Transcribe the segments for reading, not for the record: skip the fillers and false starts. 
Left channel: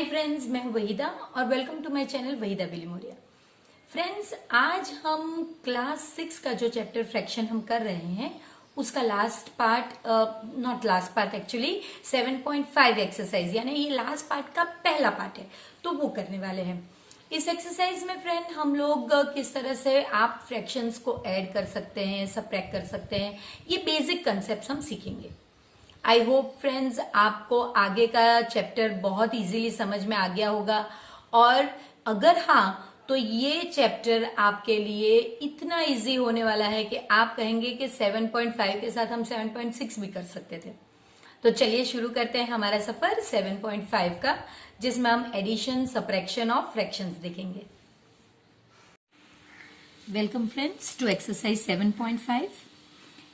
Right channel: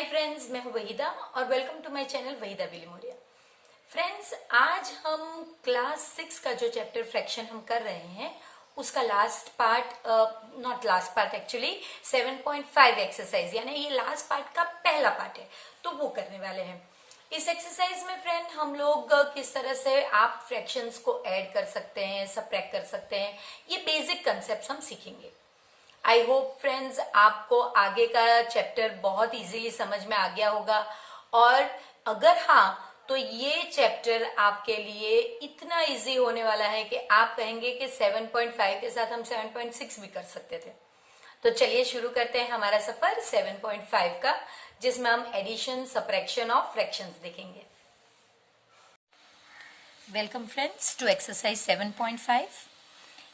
Hi friends, मैं हूं वहीदा और welcome to my channel Waheeda Bilimoria. Friends, आज हम क्लास 6 का जो चैप्टर फ्रैक्शन हम कर रहे हैं उसका last part, not last part actually 7.5 exercise, यानी ये लास्ट पार्ट का पहला पार्ट है, तो वो करने वाले हैं। इस एक्सरसाइज में फ्रेंड हम लोग किस तरह से आप फ्रैक्शंस को ऐड कर सकते हैं, सबट्रैक्ट कर सकते हैं, ये बेसिक कंसेप्ट हम सीखेंगे। आई होप फ्रेंड्स आपको आगे का चैप्टर बहुत इजीली समझ में आ गया होगा, और अगर हाँ तो ये चैप्टर आपके लिए इतना इजी होने वाला है कि आप कहेंगे कि 7.5 के साथ हम 7.6 भी कर सकते थे। तो चलिए शुरू करते हैं हमारा सफर 7.5 का, जिसमें हम एडिशन सब्ट्रैक्शन ऑफ फ्रैक्शंस देखेंगे। Welcome friends to exercise 7.5।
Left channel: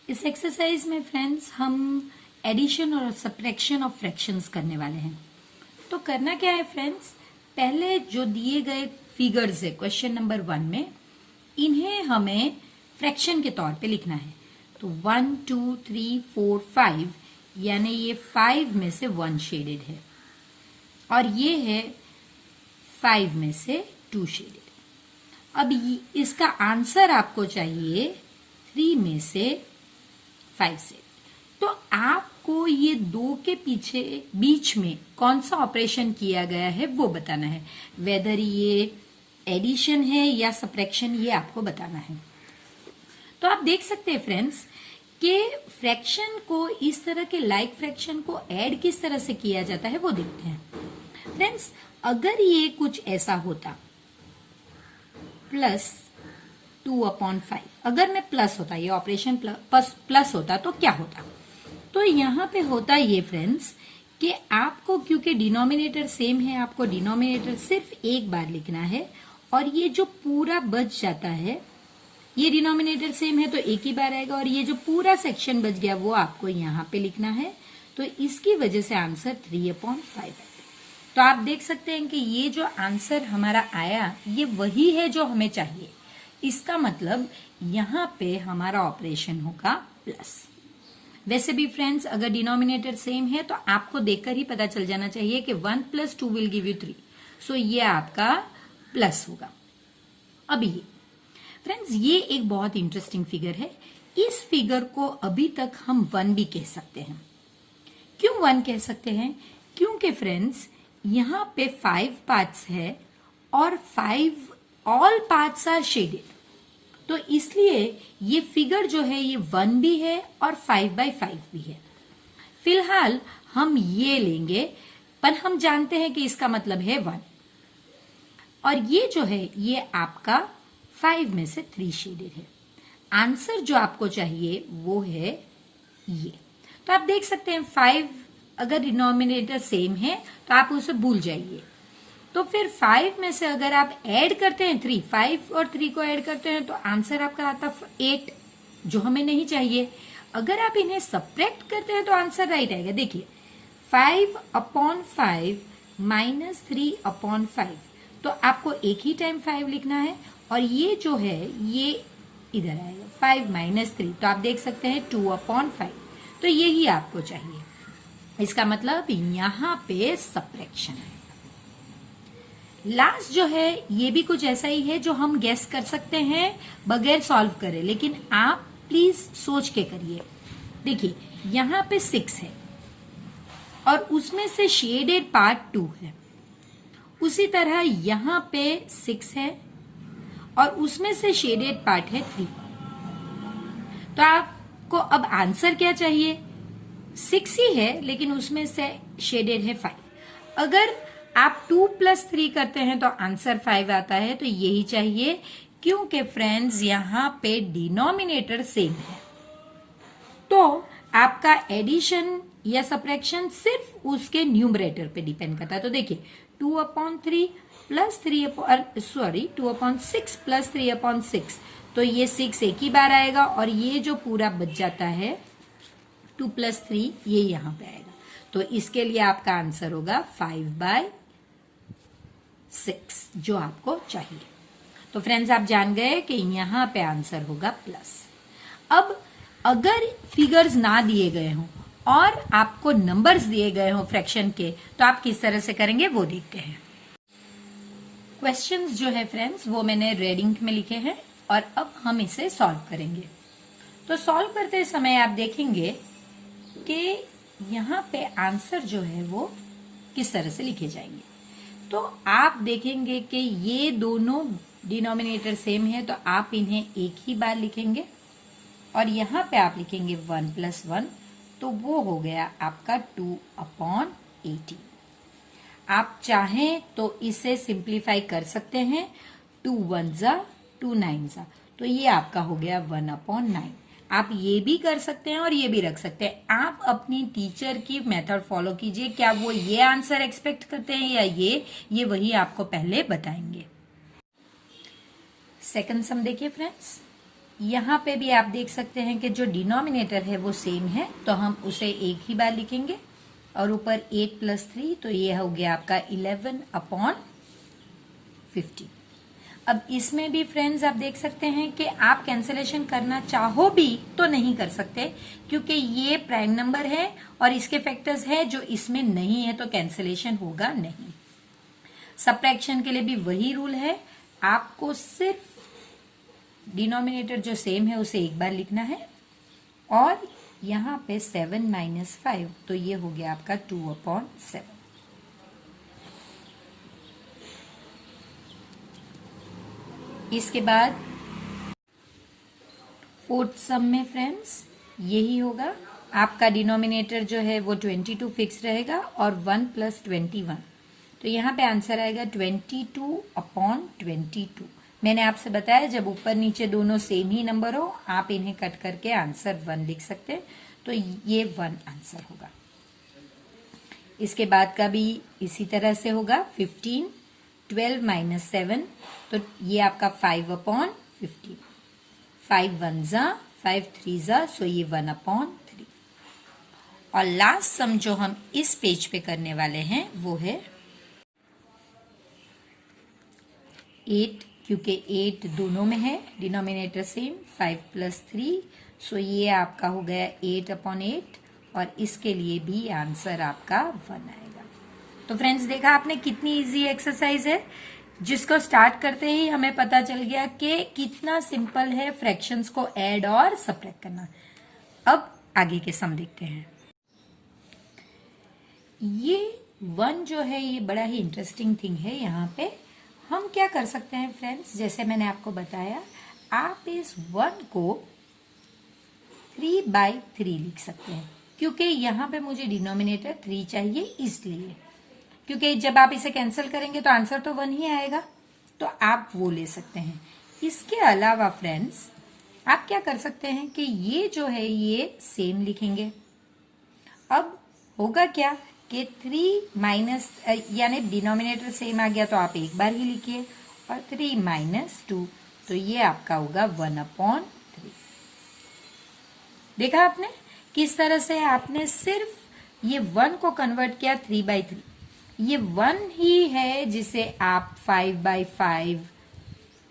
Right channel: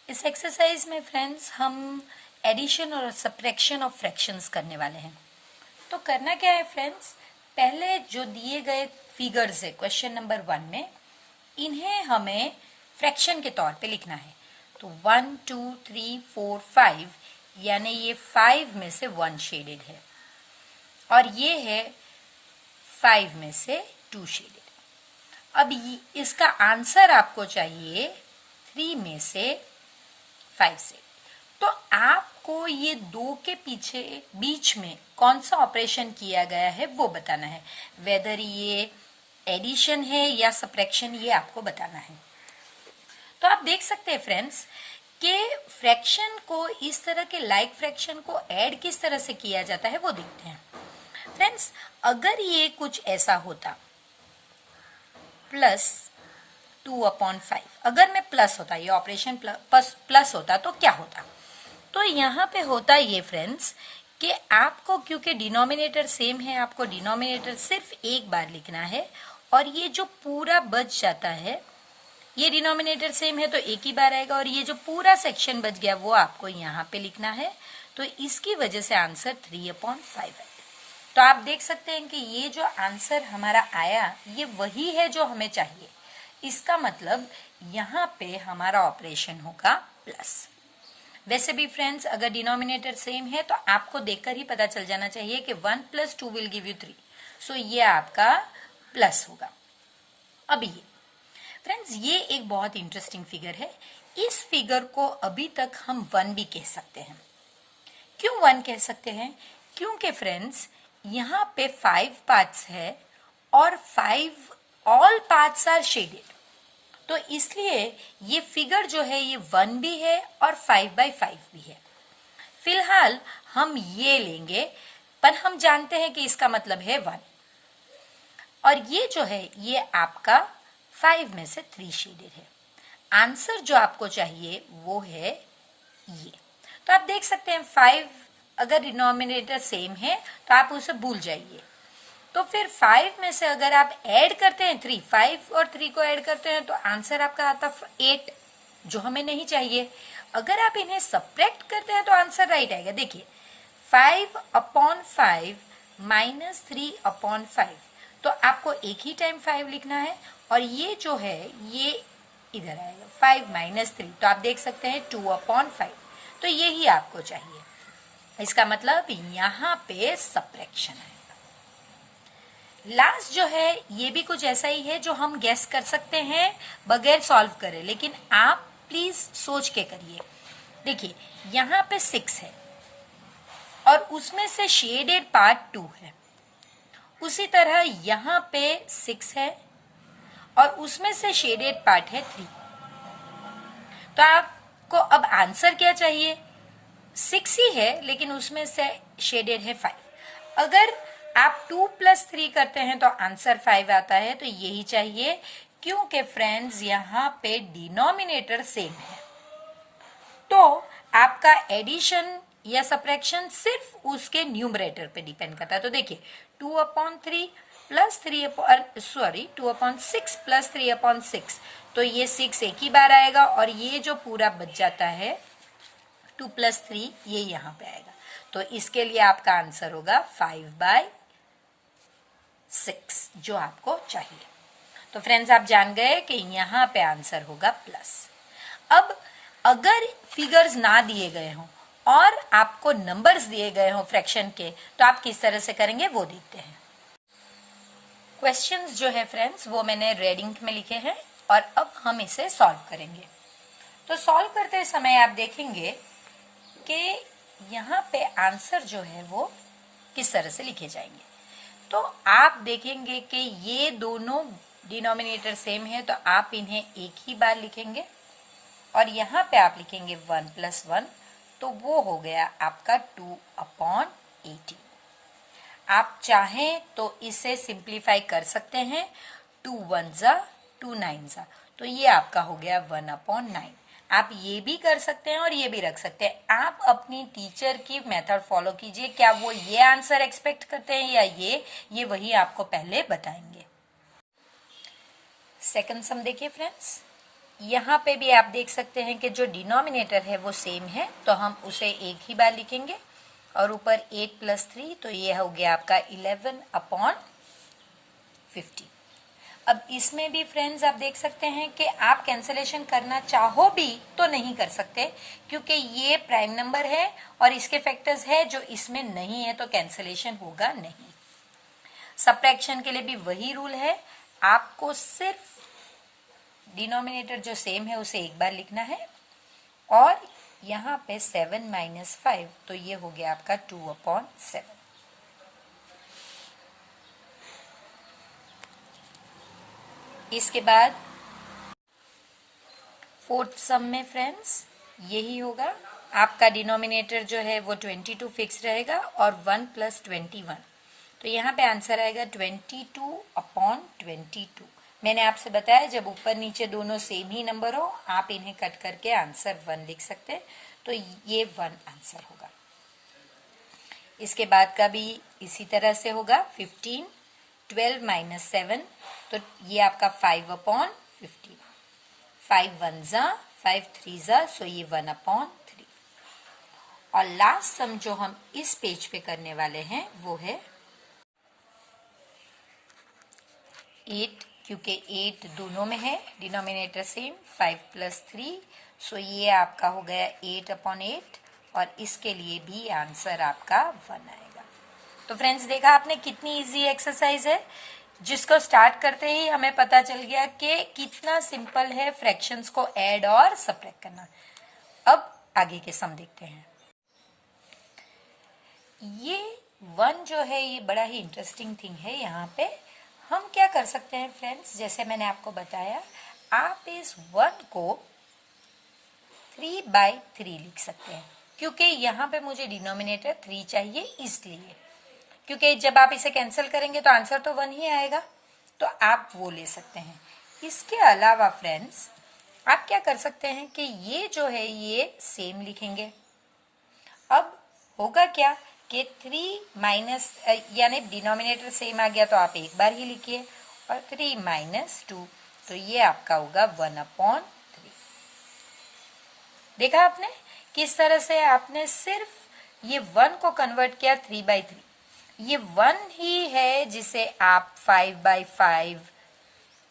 इस एक्सरसाइज में फ्रेंड्स हम एडिशन और सब्ट्रैक्शन ऑफ फ्रैक्शंस करने वाले हैं। तो करना क्या है फ्रेंड्स, पहले जो दिए गए फिगर्स है क्वेश्चन नंबर 1 में, इन्हें हमें फ्रैक्शन के तौर पे लिखना है। तो 1 2 3 4 5, यानी ये 5 में से 1 शेडेड है और ये है 5 में से 2 शेडेड। अब इसका आंसर आपको चाहिए 3 में से 5 से। तो आपको ये 2 के पीछे बीच में कौन सा ऑपरेशन किया गया है वो बताना है, वेदर ये एडिशन है या सब्ट्रैक्शन, ये आपको बताना है। तो आप देख सकते हैं फ्रेंड्स कि फ्रैक्शन को, इस तरह के लाइक फ्रैक्शन को ऐड किस तरह से किया जाता है वो देखते हैं। फ्रेंड्स, अगर ये कुछ ऐसा होता +2/5, अगर मैं प्लस होता, ये ऑपरेशन प्लस होता तो क्या होता, तो यहाँ पे होता ये फ्रेंड्स कि आपको, क्योंकि डिनोमिनेटर सेम है, आपको डिनोमिनेटर सिर्फ एक बार लिखना है, और ये जो पूरा बच जाता है, ये डिनोमिनेटर सेम है तो एक ही बार आएगा, और ये जो पूरा सेक्शन बच गया वो आपको यहाँ पे लिखना है। तो इसकी वजह से आंसर 3/5 है। तो आप देख सकते हैं कि ये जो आंसर हमारा आया ये वही है जो हमें चाहिए। इसका मतलब यहाँ पे हमारा ऑपरेशन होगा प्लस। वैसे भी फ्रेंड्स, अगर डिनोमिनेटर सेम है तो आपको देखकर ही पता चल जाना चाहिए कि 1 + 2 विल गिव यू 3, सो ये आपका प्लस होगा। अब ये फ्रेंड्स, ये एक बहुत इंटरेस्टिंग फिगर है। इस फिगर को अभी तक हम 1 भी कह सकते हैं। क्यों 1 कह सकते हैं? क्योंकि फ्रेंड्स यहाँ पे 5 पार्ट्स है और 5 ऑल पार्ट्स आर शेडेड, तो इसलिए ये फिगर जो है ये 1 भी है और 5/5 भी है। फिलहाल हम ये लेंगे, पर हम जानते हैं कि इसका मतलब है 1, और ये जो है ये आपका 5 में से 3 शेडेड है। आंसर जो आपको चाहिए वो है ये। तो आप देख सकते हैं 5 अगर डिनोमिनेटर सेम है तो आप उसे भूल जाइए। तो फिर 5 में से अगर आप ऐड करते हैं 3, 5 और 3 को ऐड करते हैं तो आंसर आपका आता 8, जो हमें नहीं चाहिए। अगर आप इन्हें सब्ट्रैक्ट करते हैं तो आंसर राइट आएगा। देखिए 5/5 - 3/5, तो आपको एक ही टाइम 5 लिखना है, और ये जो है ये इधर आएगा 5 - 3, तो आप देख सकते हैं 2/5। तो यही आपको चाहिए। इसका मतलब यहाँ पे सब्ट्रैक्शन है। लास्ट जो है ये भी कुछ ऐसा ही है जो हम गेस कर सकते हैं बगैर सॉल्व करे, लेकिन आप प्लीज सोच के करिए। देखिए यहाँ पे 6 है और उसमें से शेडेड पार्ट 2 है। उसी तरह यहाँ पे 6 है और उसमें से शेडेड पार्ट है 3। तो आपको अब आंसर क्या चाहिए? 6 ही है लेकिन उसमें से शेडेड है 5। अगर आप 2 + 3 करते हैं तो आंसर 5 आता है, तो यही चाहिए, क्योंकि फ्रेंड्स यहाँ पे डिनोमिनेटर सेम है। तो आपका एडिशन या सब्ट्रैक्शन सिर्फ उसके न्यूमरेटर पे डिपेंड करता है। तो देखिए 2/3 + 2/6 + 3/6, तो ये 6 एक ही बार आएगा, और ये जो पूरा बच जाता है 2 + 3 ये यहाँ पे आएगा। तो इसके लिए आपका आंसर होगा 5/6, जो आपको चाहिए। तो फ्रेंड्स आप जान गए कि यहाँ पे आंसर होगा प्लस। अब अगर फिगर्स ना दिए गए हों और आपको नंबर्स दिए गए हो फ्रैक्शन के, तो आप किस तरह से करेंगे वो देखते हैं। क्वेश्चंस जो है फ्रेंड्स वो मैंने रेड इंक में लिखे हैं और अब हम इसे सॉल्व करेंगे। तो सॉल्व करते समय आप देखेंगे कि यहाँ पे आंसर जो है वो किस तरह से लिखे जाएंगे। तो आप देखेंगे कि ये दोनों डिनोमिनेटर सेम है, तो आप इन्हें एक ही बार लिखेंगे और यहाँ पे आप लिखेंगे 1 + 1, तो वो हो गया आपका 2/18। आप चाहें तो इसे सिंप्लीफाई कर सकते हैं, 2 1 जा 2 9 जा, तो ये आपका हो गया 1/9। आप ये भी कर सकते हैं और ये भी रख सकते हैं। आप अपनी टीचर की मेथड फॉलो कीजिए, क्या वो ये आंसर एक्सपेक्ट करते हैं या ये वही आपको पहले बताएंगे। सेकंड सम देखिए फ्रेंड्स, यहाँ पे भी आप देख सकते हैं कि जो डिनोमिनेटर है वो सेम है, तो हम उसे एक ही बार लिखेंगे और ऊपर 8 + 3, तो ये हो गया आपका 11/50। अब इसमें भी फ्रेंड्स आप देख सकते हैं कि आप कैंसलेशन करना चाहो भी तो नहीं कर सकते, क्योंकि ये प्राइम नंबर है और इसके फैक्टर्स है जो इसमें नहीं है, तो कैंसलेशन होगा नहीं। सब्ट्रैक्शन के लिए भी वही रूल है, आपको सिर्फ डिनोमिनेटर जो सेम है उसे एक बार लिखना है और यहाँ पे 7 - 5, तो ये हो गया आपका 2/7। इसके बाद फोर्थ सम में फ्रेंड्स यही होगा, आपका डिनोमिनेटर जो है वो 22 फिक्स रहेगा और 1 + 21, तो यहाँ पे आंसर आएगा 22/22। मैंने आपसे बताया जब ऊपर नीचे दोनों सेम ही नंबर हो आप इन्हें कट करके आंसर 1 लिख सकते हैं, तो ये 1 आंसर होगा। इसके बाद का भी इसी तरह से होगा, 15 12 - 7, तो ये आपका 5/15, 5 1 जा 5 3 जा, सो ये 1/3। और लास्ट सम जो हम इस पेज पे करने वाले हैं वो है 8, क्योंकि 8 दोनों में है, डिनोमिनेटर सेम, 5 + 3, सो ये आपका हो गया 8/8 और इसके लिए भी आंसर आपका 1 आएगा। तो फ्रेंड्स देखा आपने कितनी इजी एक्सरसाइज है, जिसको स्टार्ट करते ही हमें पता चल गया कि कितना सिंपल है फ्रैक्शंस को ऐड और सब्ट्रैक्ट करना। अब आगे के सम देखते हैं। ये 1 जो है ये बड़ा ही इंटरेस्टिंग थिंग है। यहाँ पे हम क्या कर सकते हैं फ्रेंड्स, जैसे मैंने आपको बताया, आप इस 1 को 3/3 लिख सकते हैं, क्योंकि यहाँ पे मुझे डिनोमिनेटर 3 चाहिए, इसलिए क्योंकि जब आप इसे कैंसिल करेंगे तो आंसर तो 1 ही आएगा, तो आप वो ले सकते हैं। इसके अलावा फ्रेंड्स आप क्या कर सकते हैं कि ये जो है ये सेम लिखेंगे। अब होगा क्या कि 3 यानी डिनोमिनेटर सेम आ गया तो आप एक बार ही लिखिए, और 3 - 2, तो ये आपका होगा 1/3। देखा आपने किस तरह से आपने सिर्फ ये 1 को कन्वर्ट किया 3/3। ये 1 ही है जिसे आप 5/5,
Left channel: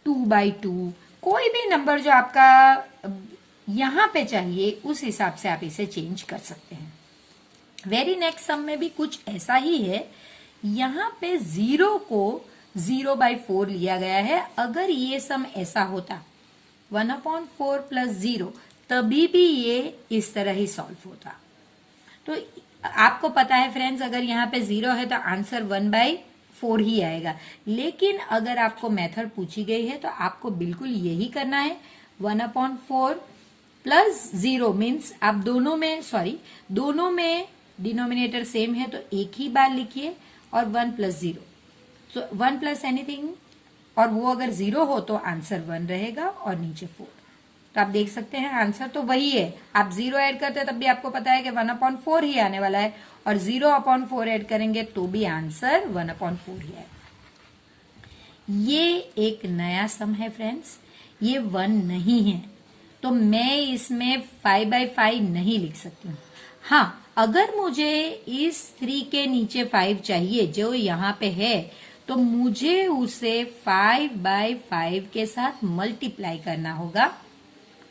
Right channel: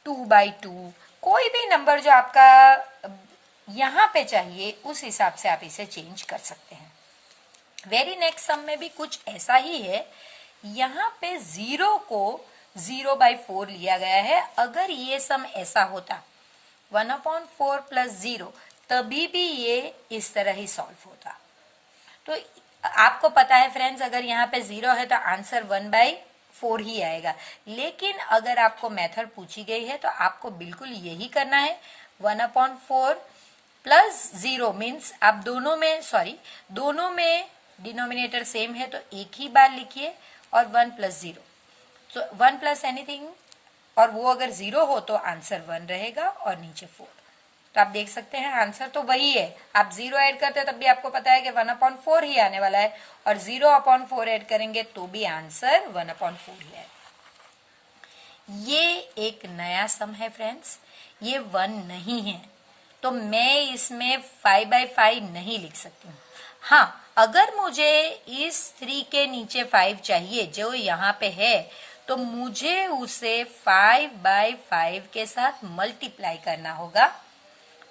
2/2, कोई भी नंबर जो आपका यहां पे चाहिए उस हिसाब से आप इसे चेंज कर सकते हैं। वेरी नेक्स्ट सम में भी कुछ ऐसा ही है, यहाँ पे 0 को 0/4 लिया गया है। अगर ये सम ऐसा होता 1/4 + 0, तभी भी ये इस तरह ही सॉल्व होता। तो आपको पता है फ्रेंड्स, अगर यहाँ पे 0 है तो आंसर 1/4 ही आएगा, लेकिन अगर आपको मेथड पूछी गई है तो आपको बिल्कुल यही करना है। 1/4 + 0 मीन्स आप दोनों में डिनोमिनेटर सेम है तो एक ही बार लिखिए, और 1 + 0, तो 1 + एनीथिंग, और वो अगर 0 हो तो आंसर 1 रहेगा और नीचे 4। तो आप देख सकते हैं आंसर तो वही है। आप 0 ऐड करते हैं तब भी आपको पता है कि 1/4 ही आने वाला है, और 0/4 ऐड करेंगे तो भी आंसर 1/4 ही है। ये एक नया सम है फ्रेंड्स, ये 1 नहीं है, तो मैं इसमें 5/5 नहीं लिख सकती हूँ। हाँ, अगर मुझे इस 3 के नीचे 5 चाहिए जो यहाँ पे है, तो मुझे उसे 5/5 के साथ मल्टीप्लाई करना होगा,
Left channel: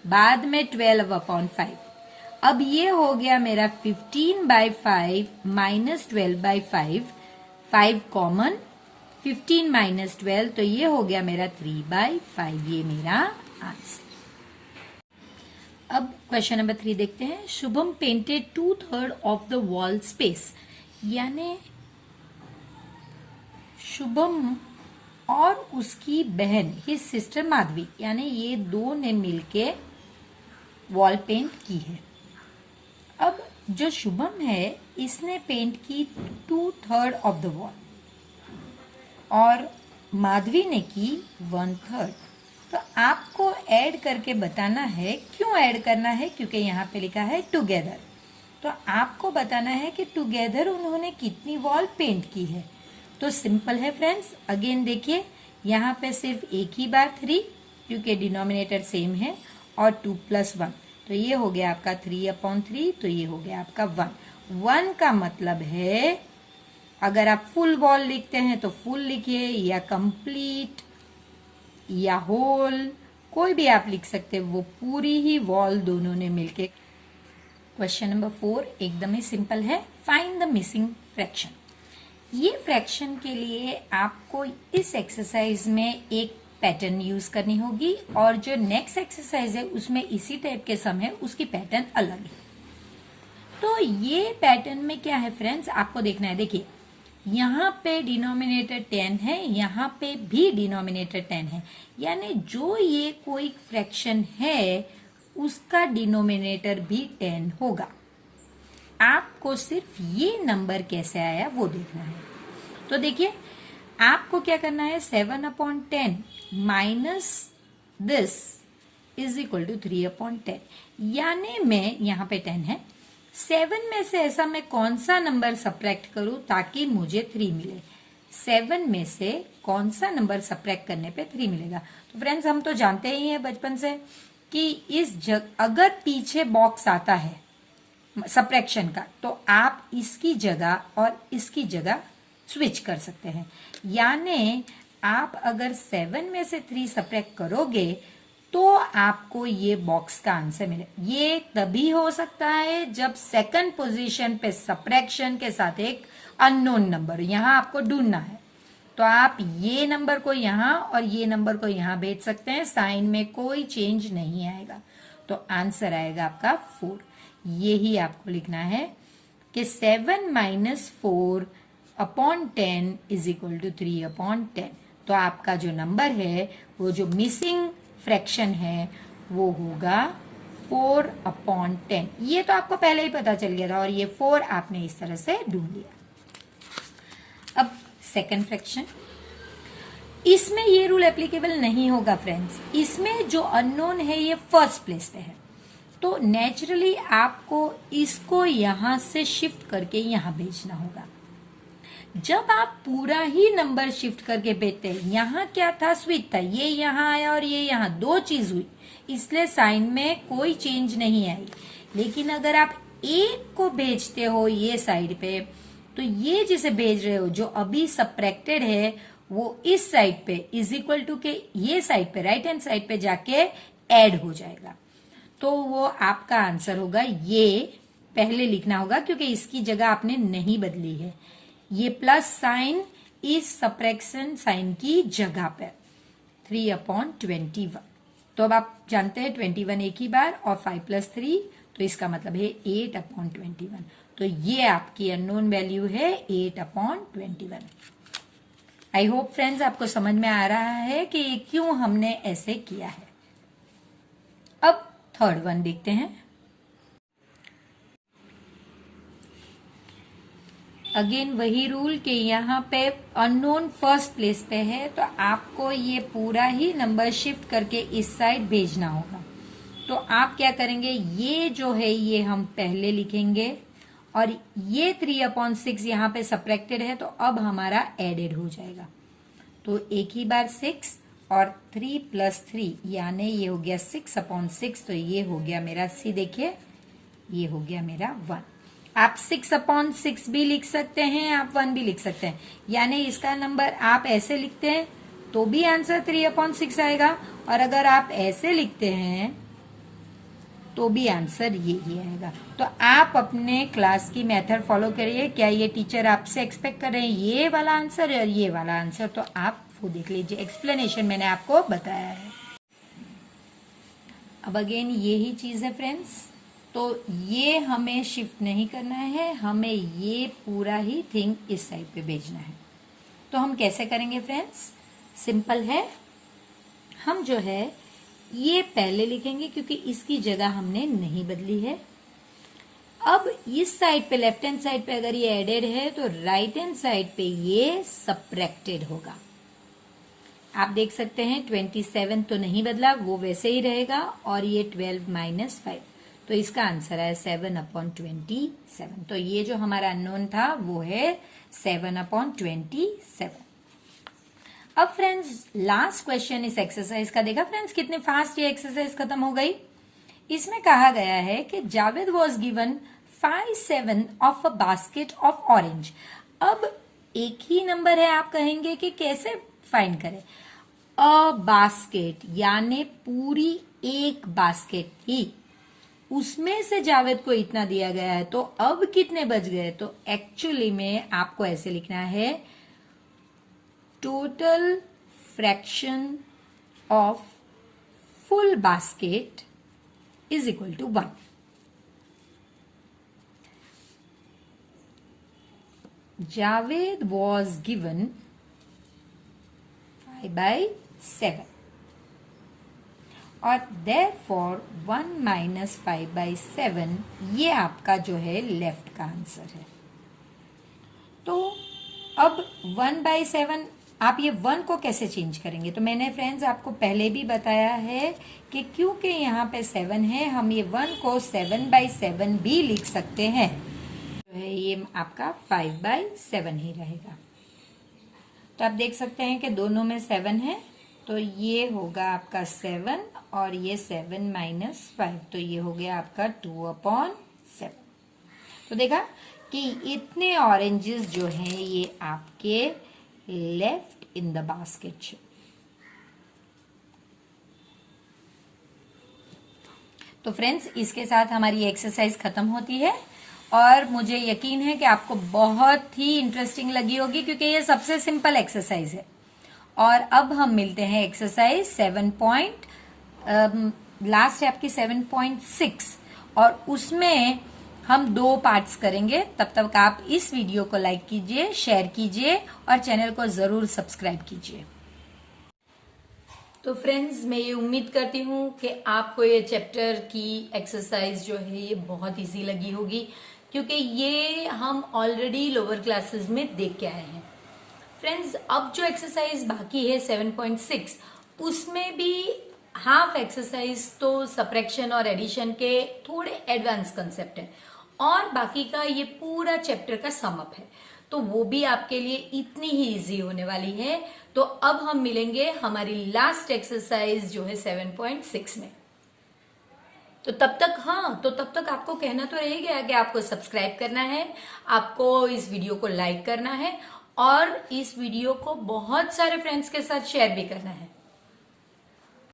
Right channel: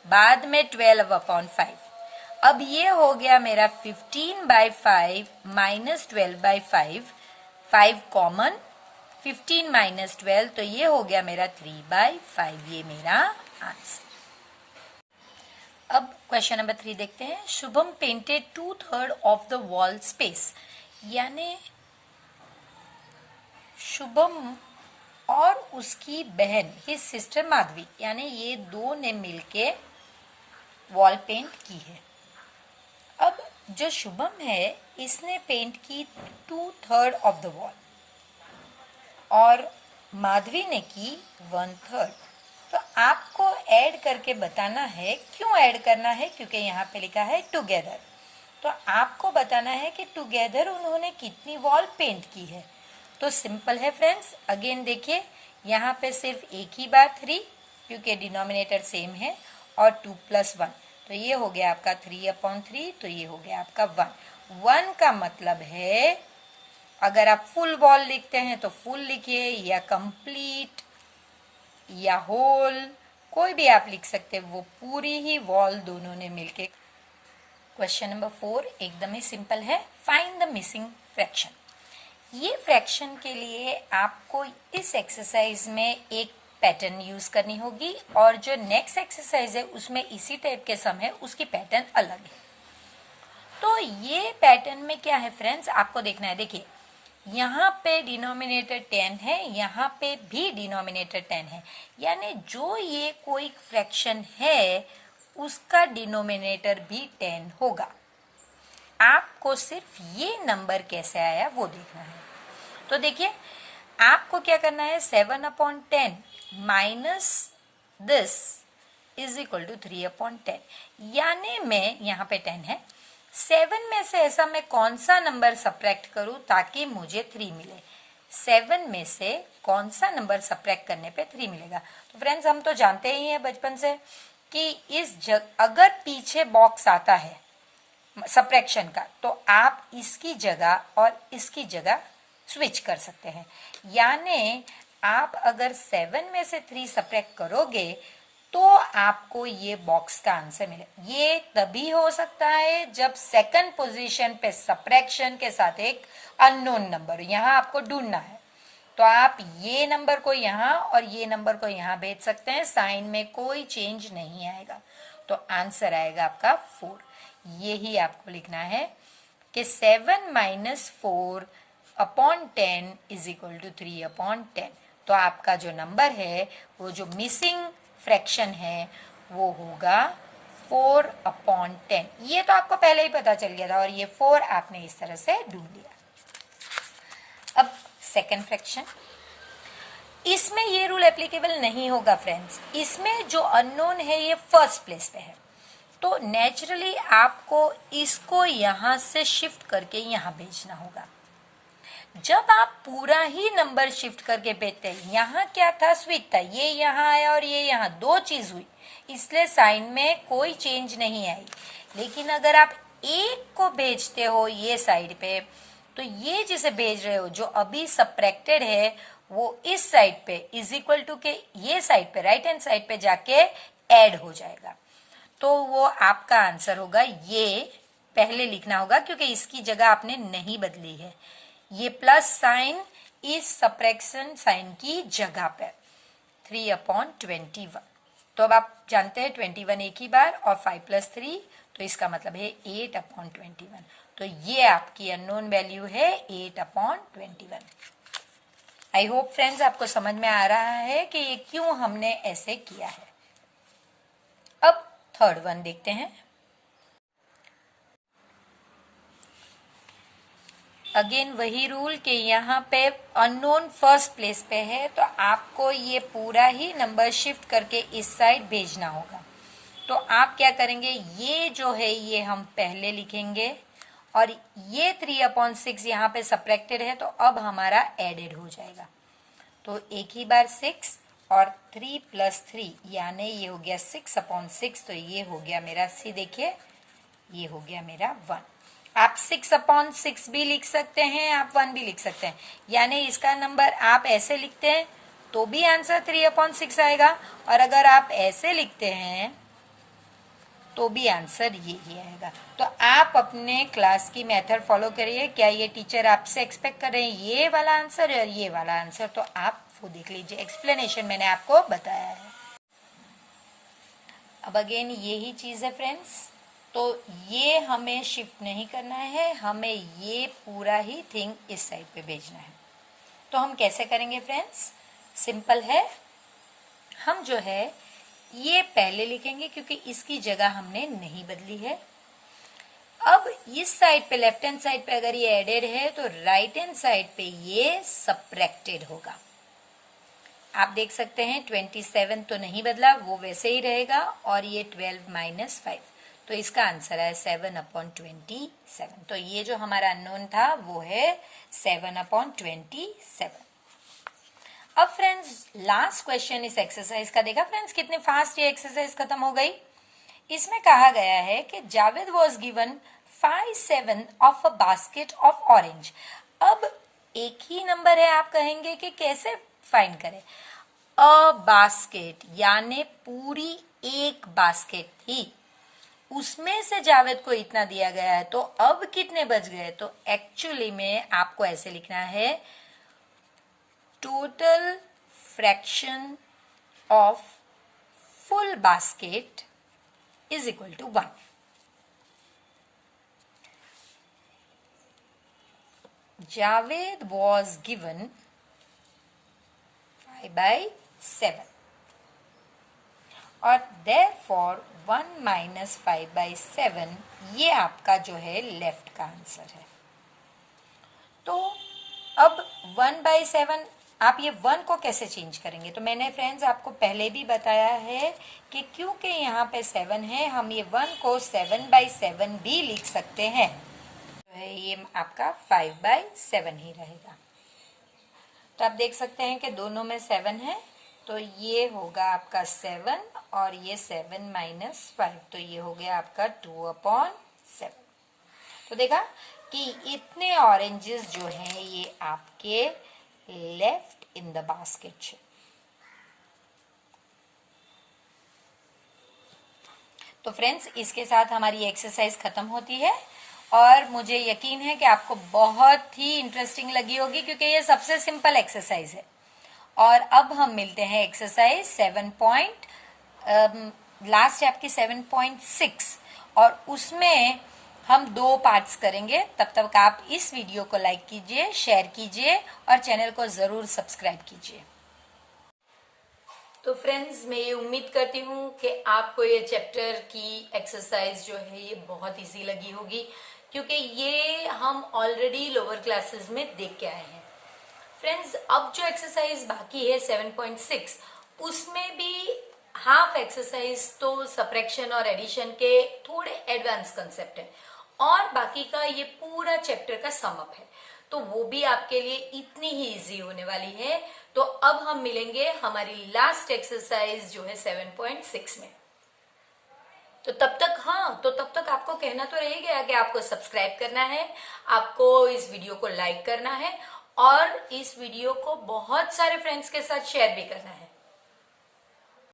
बाद में 12/5। अब ये हो गया मेरा 15/5 माइनस 12/5, 5 कॉमन, 15 माइनस 12, तो ये हो गया मेरा 3/5, ये मेरा आंसर। अब क्वेश्चन नंबर 3 देखते हैं। Shubham painted 2/3 of the wall space, यानी शुभम और उसकी बहन हिज सिस्टर माधवी, यानी ये दो ने मिलके वॉल पेंट की है। अब जो शुभम है इसने पेंट की 2/3 ऑफ द वॉल और माधवी ने की 1/3। तो आपको ऐड करके बताना है। क्यों ऐड करना है? क्योंकि यहाँ पे लिखा है टुगेदर, तो आपको बताना है कि टुगेदर उन्होंने कितनी वॉल पेंट की है। तो सिंपल है फ्रेंड्स, अगेन देखिए यहाँ पे सिर्फ एक ही बार 3, क्योंकि डिनोमिनेटर सेम है, और 2 + 1, तो ये हो गया आपका 3/3, तो ये हो गया आपका 1। 1 का मतलब है, अगर आप फुल वॉल लिखते हैं तो फुल लिखिए, या कंप्लीट या होल, कोई भी आप लिख सकते हैं, वो पूरी ही वॉल दोनों ने मिलके। क्वेश्चन नंबर 4 एकदम ही सिंपल है। Find the missing fraction. ये फ्रैक्शन के लिए आपको इस एक्सरसाइज में एक पैटर्न यूज करनी होगी, और जो नेक्स्ट एक्सरसाइज है उसमें इसी टाइप के सम है, उसकी पैटर्न अलग है। तो ये पैटर्न में क्या है फ्रेंड्स, आपको देखना है। देखिए यहाँ पे डिनोमिनेटर 10 है, यहाँ पे भी डिनोमिनेटर 10 है, यानी जो ये कोई फ्रैक्शन है उसका डिनोमिनेटर भी 10 होगा। आपको सिर्फ ये नंबर कैसे आया वो देखना है। तो देखिए आपको क्या करना है, 7/10 minus this is equal to 3/10, यानी मैं यहाँ पे 10 है, 7 में से ऐसा मैं कौन सा नंबर सब्ट्रैक्ट करूं ताकि मुझे 3 मिले। 7 में से कौन सा नंबर सब्ट्रैक्ट करने पे 3 मिलेगा। तो फ्रेंड्स हम तो जानते ही हैं बचपन से कि अगर पीछे बॉक्स आता है सब्ट्रैक्शन का, तो आप इसकी जगह और इसकी जगह स्विच कर सकते हैं। यानी आप अगर 7 में से 3 सब्ट्रैक्ट करोगे तो आपको ये बॉक्स का आंसर मिले। ये तभी हो सकता है जब सेकंड पोजीशन पे सब्ट्रैक्शन के साथ एक अननोन नंबर, यहां आपको ढूंढना है। तो आप ये नंबर को यहां और ये नंबर को यहां भेज सकते हैं, साइन में कोई चेंज नहीं आएगा, तो आंसर आएगा आपका 4। यही आपको लिखना है कि 7 - 4/10 इज इक्वल टू 3/10। तो आपका जो नंबर है, वो जो मिसिंग फ्रैक्शन है, वो होगा 4/10। ये तो आपको पहले ही पता चल गया था, और ये 4 आपने इस तरह से ढूंढ लिया। अब सेकंड फ्रैक्शन, इसमें ये रूल एप्लीकेबल नहीं होगा फ्रेंड्स। इसमें जो अननोन है ये फर्स्ट प्लेस पे है, तो नेचुरली आपको इसको यहां से शिफ्ट करके यहां भेजना होगा। जब आप पूरा ही नंबर शिफ्ट करके भेजते हैं, यहाँ क्या था, स्विच था, ये यहाँ आया और ये यहाँ, दो चीज हुई, इसलिए साइन में कोई चेंज नहीं आई। लेकिन अगर आप एक को भेजते हो ये साइड पे, तो ये जिसे भेज रहे हो जो अभी सब्ट्रैक्टेड है, वो इस साइड पे इज इक्वल टू के ये साइड पे, राइट हैंड साइड पे जाके ऐड हो जाएगा। तो वो आपका आंसर होगा, ये पहले लिखना होगा क्योंकि इसकी जगह आपने नहीं बदली है। ये प्लस साइन इस सब्ट्रैक्शन साइन की जगह पे 3/21। तो अब आप जानते हैं 21 एक ही बार और 5 + 3, तो इसका मतलब है 8/21। तो ये आपकी अननोन वैल्यू है 8/21। आई होप फ्रेंड्स आपको समझ में आ रहा है कि क्यों हमने ऐसे किया है। अब थर्ड वन देखते हैं। अगेन वही रूल कि यहाँ पे अननोन फर्स्ट प्लेस पे है, तो आपको ये पूरा ही नंबर शिफ्ट करके इस साइड भेजना होगा। तो आप क्या करेंगे, ये जो है ये हम पहले लिखेंगे, और ये 3/6 यहाँ पे सब्ट्रैक्टेड है, तो अब हमारा एडेड हो जाएगा। तो एक ही बार 6 और 3 + 3, यानी ये हो गया 6/6, तो ये हो गया मेरा सी, देखिए ये हो गया मेरा 1। आप 6/6 भी लिख सकते हैं, आप 1 भी लिख सकते हैं, यानी इसका नंबर आप ऐसे लिखते हैं तो भी आंसर 3/6 आएगा, और अगर आप ऐसे लिखते हैं तो भी आंसर यही आएगा। तो आप अपने क्लास की मेथड फॉलो करिए। क्या ये टीचर आपसे एक्सपेक्ट कर रहे हैं ये वाला आंसर और ये वाला आंसर, तो आप वो देख लीजिए, एक्सप्लेनेशन मैंने आपको बताया है। अब अगेन यही चीज है फ्रेंड्स, तो ये हमें शिफ्ट नहीं करना है, हमें ये पूरा ही थिंग इस साइड पे भेजना है। तो हम कैसे करेंगे फ्रेंड्स? सिंपल है, हम जो है ये पहले लिखेंगे क्योंकि इसकी जगह हमने नहीं बदली है। अब इस साइड पे, लेफ्ट हैंड साइड पे अगर ये एडेड है तो राइट हैंड साइड पे ये सब्ट्रैक्टेड होगा। आप देख सकते हैं 27 तो नहीं बदला, वो वैसे ही रहेगा, और ये 12 माइनस 5, तो इसका आंसर है 7/27। तो ये जो हमारा अननोन था वो है 7/27। अब फ्रेंड्स लास्ट क्वेश्चन इस एक्सरसाइज का, देखा फ्रेंड्स कितने फास्ट ये एक्सरसाइज खत्म हो गई। इसमें कहा गया है कि Javed was given 5/7 of a basket of orange. अब एक ही नंबर है, आप कहेंगे कि कैसे फाइंड करें। अ बास्केट यानी पूरी एक बास्केट थी, उसमें से जावेद को इतना दिया गया है, तो अब कितने बच गए। तो एक्चुअली में आपको ऐसे लिखना है, total fraction of full basket is equal to 1। Javed was given 5/7 और therefore 1 माइनस 5/7 ये आपका जो है लेफ्ट का आंसर है। तो अब 1/7 आप ये 1 को कैसे चेंज करेंगे। तो मैंने फ्रेंड्स आपको पहले भी बताया है कि क्योंकि यहाँ पे 7 है, हम ये 1 को 7/7 भी लिख सकते हैं, तो है ये आपका 5/7 ही रहेगा। तो आप देख सकते हैं कि दोनों में 7 है, तो ये होगा आपका 7 और ये 7 माइनस 5, तो ये हो गया आपका 2/7। तो देखा कि इतने ऑरेंजेस जो हैं ये आपके लेफ्ट इन द बास्केट है। तो फ्रेंड्स इसके साथ हमारी एक्सरसाइज खत्म होती है, और मुझे यकीन है कि आपको बहुत ही इंटरेस्टिंग लगी होगी क्योंकि ये सबसे सिंपल एक्सरसाइज है। और अब हम मिलते हैं एक्सरसाइज 7 लास्ट है आपकी 7.6, और उसमें हम 2 पार्ट्स करेंगे। तब तक आप इस वीडियो को लाइक कीजिए, शेयर कीजिए और चैनल को जरूर सब्सक्राइब कीजिए। तो फ्रेंड्स मैं ये उम्मीद करती हूँ कि आपको ये चैप्टर की एक्सरसाइज जो है ये बहुत इजी लगी होगी, क्योंकि ये हम ऑलरेडी लोअर क्लासेस में देख के आए हैं। फ्रेंड्स अब जो एक्सरसाइज बाकी है 7.6, उसमें भी हाफ एक्सरसाइज तो सब्ट्रैक्शन और एडिशन के थोड़े एडवांस कंसेप्ट है, और बाकी का ये पूरा चैप्टर का सम अप है, तो वो भी आपके लिए इतनी ही इजी होने वाली है। तो अब हम मिलेंगे हमारी लास्ट एक्सरसाइज जो है 7.6 में। तो तब तक आपको कहना तो रह गया कि आपको सब्सक्राइब करना है, आपको इस वीडियो को लाइक करना है और इस वीडियो को बहुत सारे फ्रेंड्स के साथ शेयर भी करना है।